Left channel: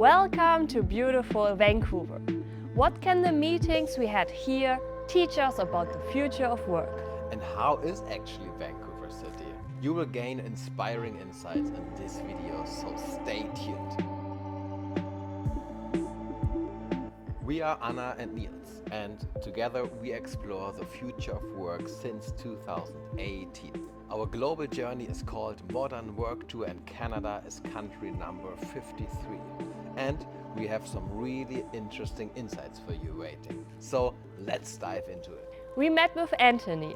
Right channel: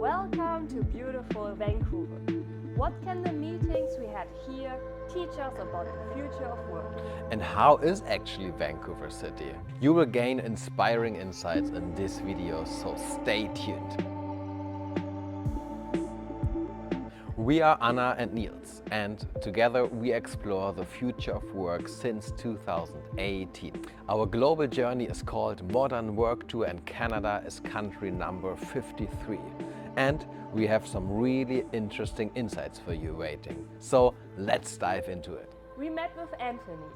Welcome to beautiful Vancouver. What can the meetings we had here teach us about the future of work? And how is actually Vancouver City? You will gain inspiring insights in this video, so stay tuned. We are Anna and Niels, and together we explore the future of work since 2018. Our global journey is called Modern Work Tour, and Canada is country number 53. And we have some really interesting insights for you waiting. So let's dive into it. We met with Anthony,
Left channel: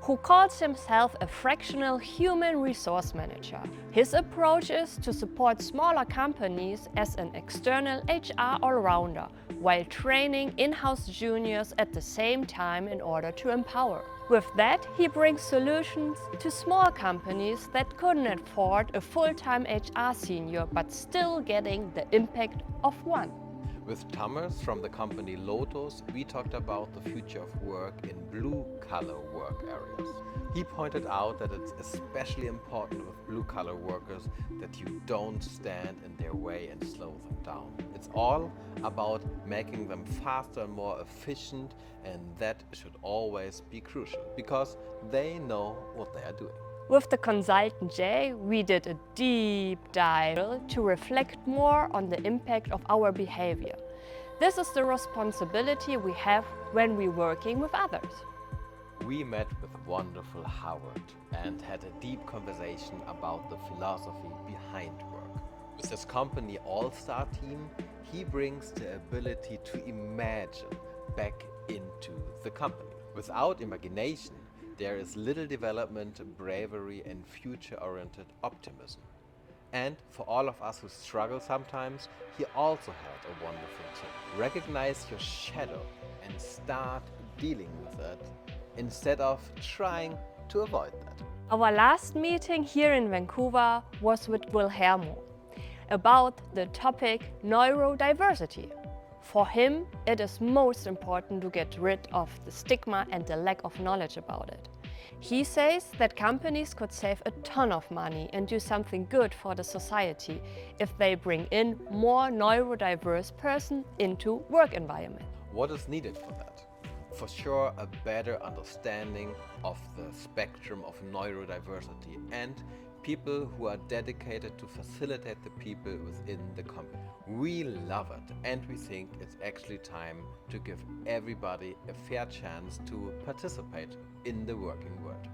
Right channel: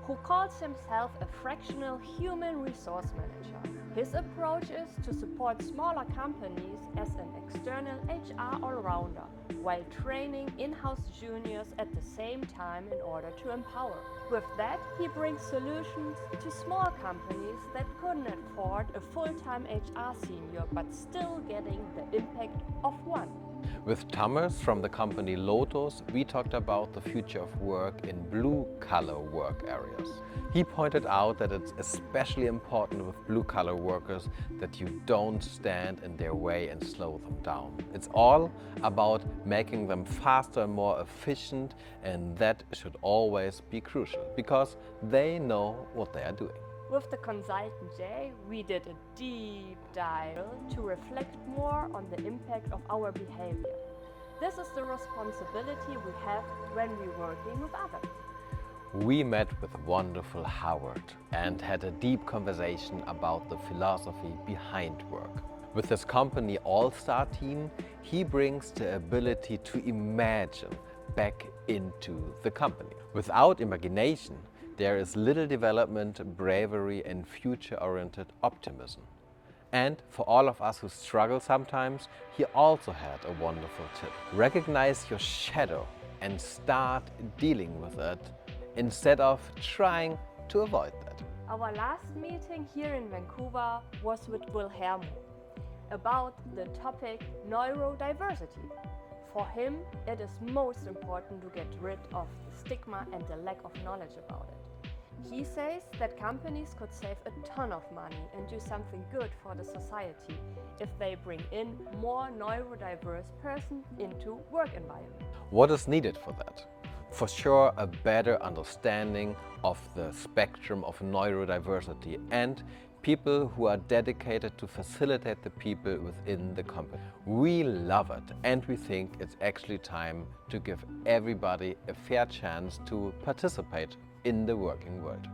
who calls himself a fractional human resource manager. His approach is to support smaller companies as an external HR all-rounder, while training in-house juniors at the same time in order to empower. With that, he brings solutions to small companies that couldn't afford a full-time HR senior, but still getting the impact of one. With Thomas from the company Lotus, we talked about the future of work in blue-collar work areas. He pointed out that it's especially important with blue-collar workers that you don't stand in their way and slow them down. It's all about making them faster and more efficient, and that should always be crucial because they know what they are doing. With the consultant Jay, we did a deep dive to reflect more on the impact of our behavior. This is the responsibility we have when we're working with others. We met with wonderful Howard and had a deep conversation about the philosophy behind work. With his company All-Star Team, he brings the ability to imagine back into the company. Without imagination, there is little development, bravery, and future-oriented optimism. And for all of us who struggle sometimes, he also had a wonderful tip. Recognize your shadow and start dealing with it instead of trying to avoid that. Our last meeting here in Vancouver was with Wilhelmo about the topic neurodiversity. For him, it is most important to get rid of the stigma and the lack of knowledge about it. He says that companies could save a ton of money and do something good for the society if they bring in more neurodiverse persons into work environment. What is needed for that? For sure, a better understanding of the spectrum of neurodiversity and people who are dedicated to facilitate the people within the company. We love it, and we think it's actually time to give everybody a fair chance to participate in the working world.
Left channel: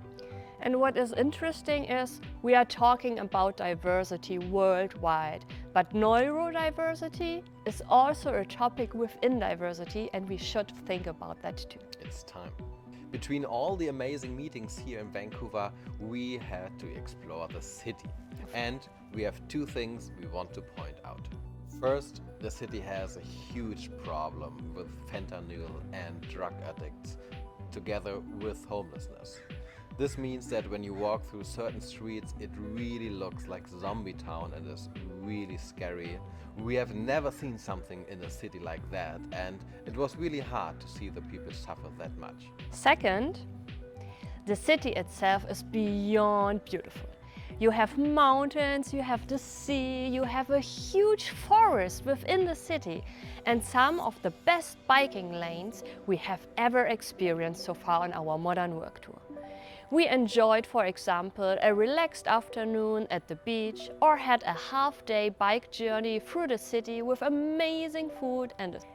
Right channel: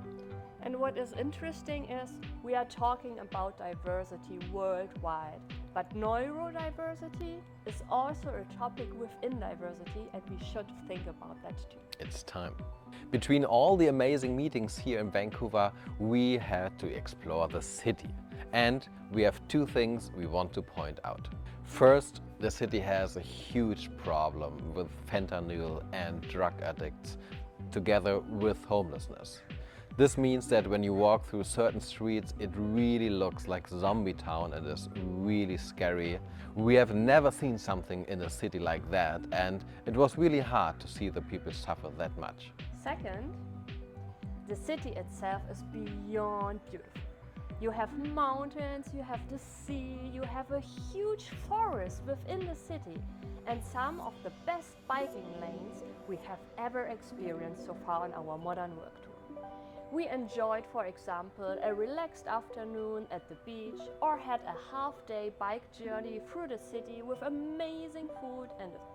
And what is interesting is we are talking about diversity worldwide, but neurodiversity is also a topic within diversity, and we should think about that too. It's time. Between all the amazing meetings here in Vancouver, we had to explore the city. And we have two things we want to point out. First, the city has a huge problem with fentanyl and drug addicts, together with homelessness. This means that when you walk through certain streets, it really looks like zombie town. It is really scary. We have never seen something in a city like that, and it was really hard to see the people suffer that much. Second, the city itself is beyond beautiful. You have mountains, you have the sea, you have a huge forest within the city, and some of the best biking lanes we have ever experienced so far on our modern work tour. We enjoyed, for example, a relaxed afternoon at the beach or had a half-day bike journey through the city with amazing food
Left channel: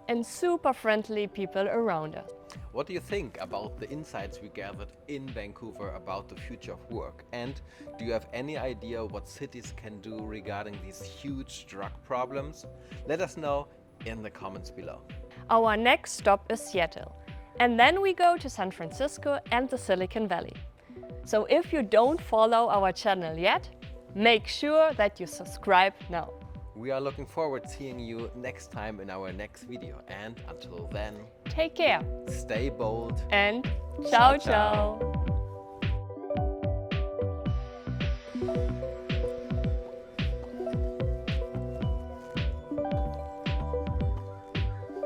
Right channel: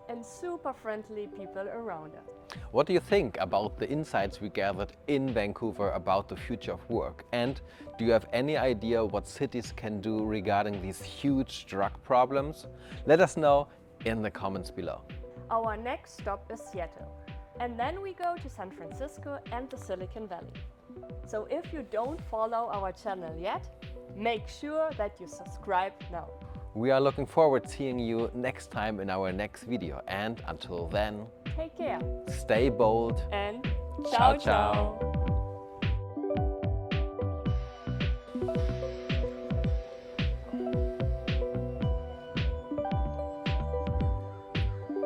and super friendly people around us. What do you think about the insights we gathered in Vancouver about the future of work? And do you have any idea what cities can do regarding these huge drug problems? Let us know in the comments below. Our next stop is Seattle, and then we go to San Francisco and the Silicon Valley. So if you don't follow our channel yet, make sure that you subscribe now. We are looking forward to seeing you next time in our next video. And until then, Take care stay bold and ciao ciao.